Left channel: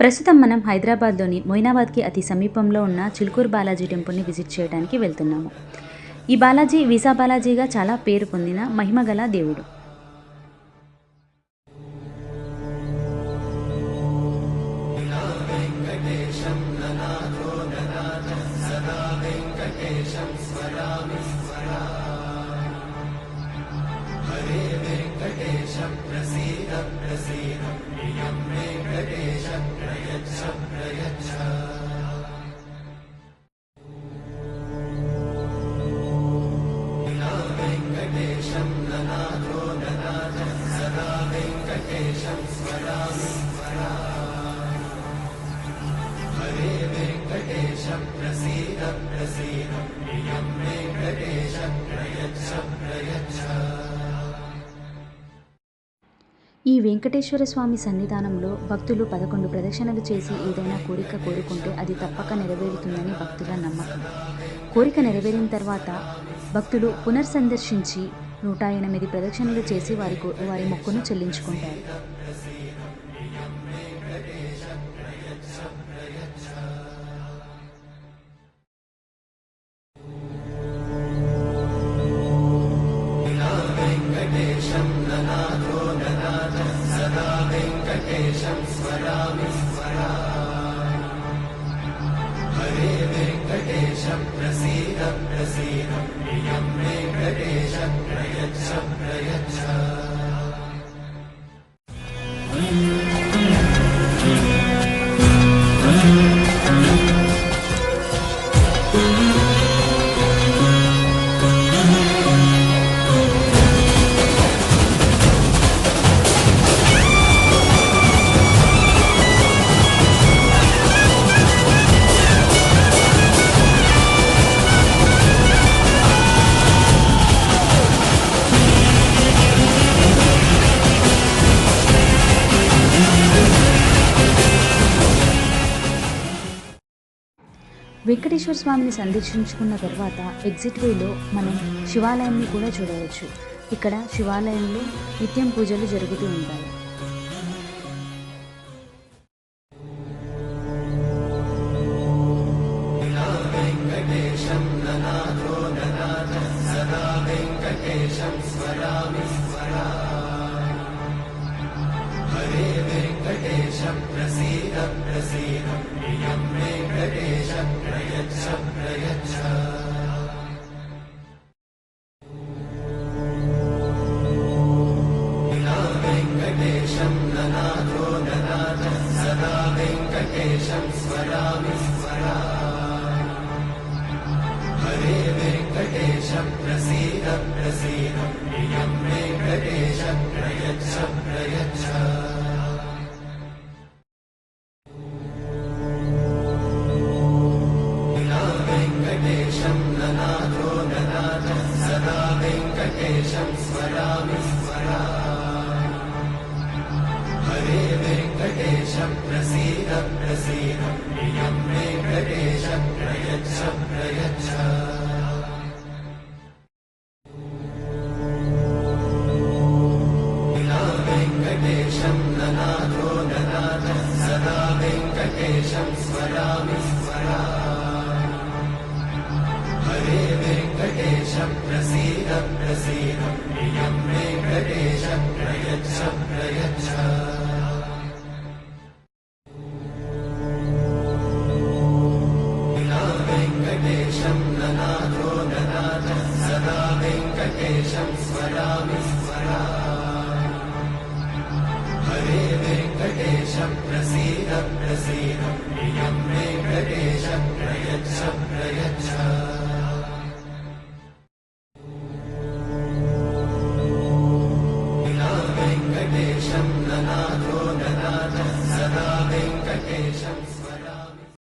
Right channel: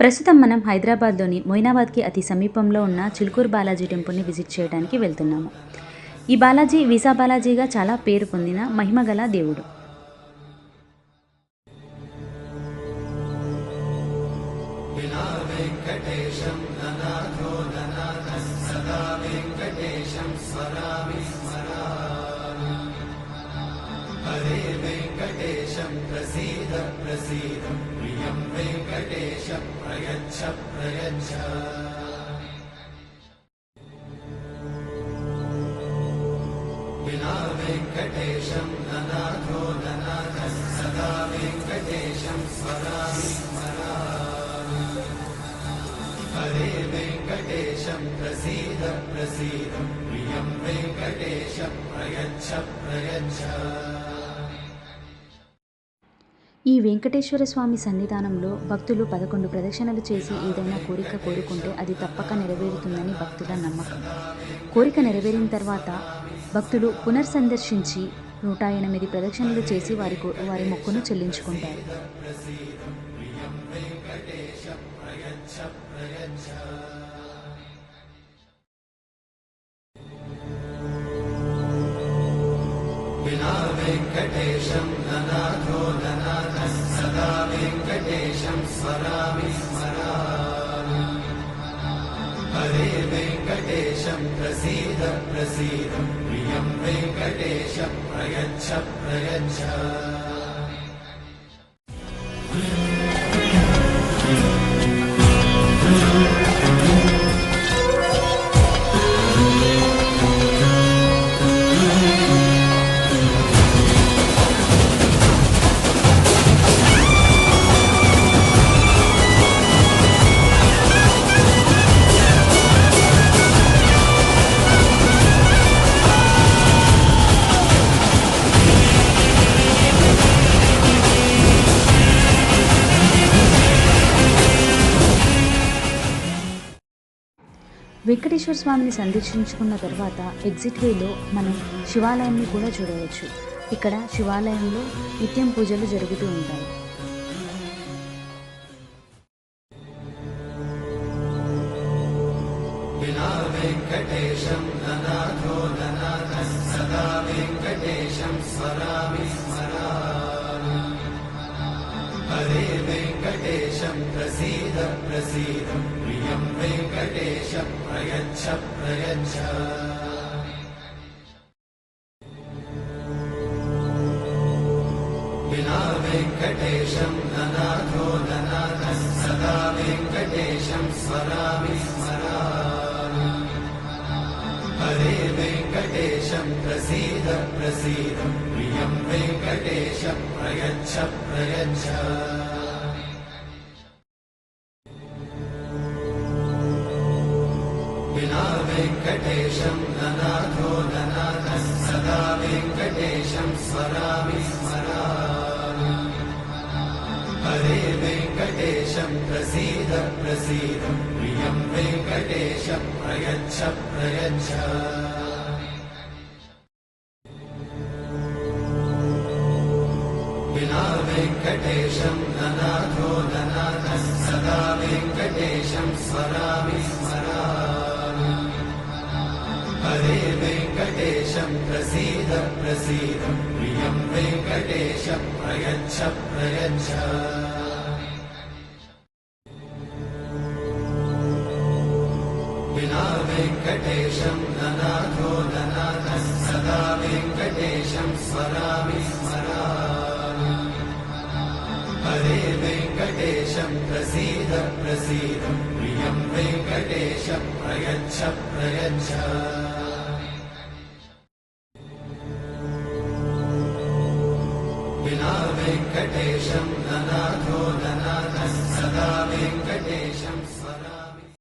ప్రస్తుతం మనం హైదరాబాద్లోని మొయినాబాద్కి అతి సమీపంలో ఉన్న చిలుకూరు బాలాజీ టెంపుల్ని విజిట్ చేయడానికి వెళ్తున్నాము. ఈ బాలాజీ వీసా బాలాజీగా చాలా పేరు పొందిన మహిమగల దేవుడు. ఈ వెంకటేశ్వర స్వామి సన్నిధానంలో భక్తులు 11 ప్రదక్షిణలు చేసి ఏదైనా కోరిక కోరుకుంటే అది తప్పక నెరవేరుతుందని భక్తుల నమ్మకం. కోరిక నెరవేరిన తర్వాత భక్తులు పునర్సందర్శించి 108 ప్రదక్షిణలు చేసి వారి మొక్కును చెల్లించుకుంటారు. వెంకటేశ్వర స్వామిని సందర్శించుకున్న తర్వాత ఎగ్జిట్ వేలో మనం శివాలయాన్ని కూడా చూడవచ్చు. ఇక్కడ శివాలయంలో నిత్యం పూజలు జరుగుతూ ఉంటాయి. ప్రసీద ప్రియం వెంకటేశం ప్రయచ్చ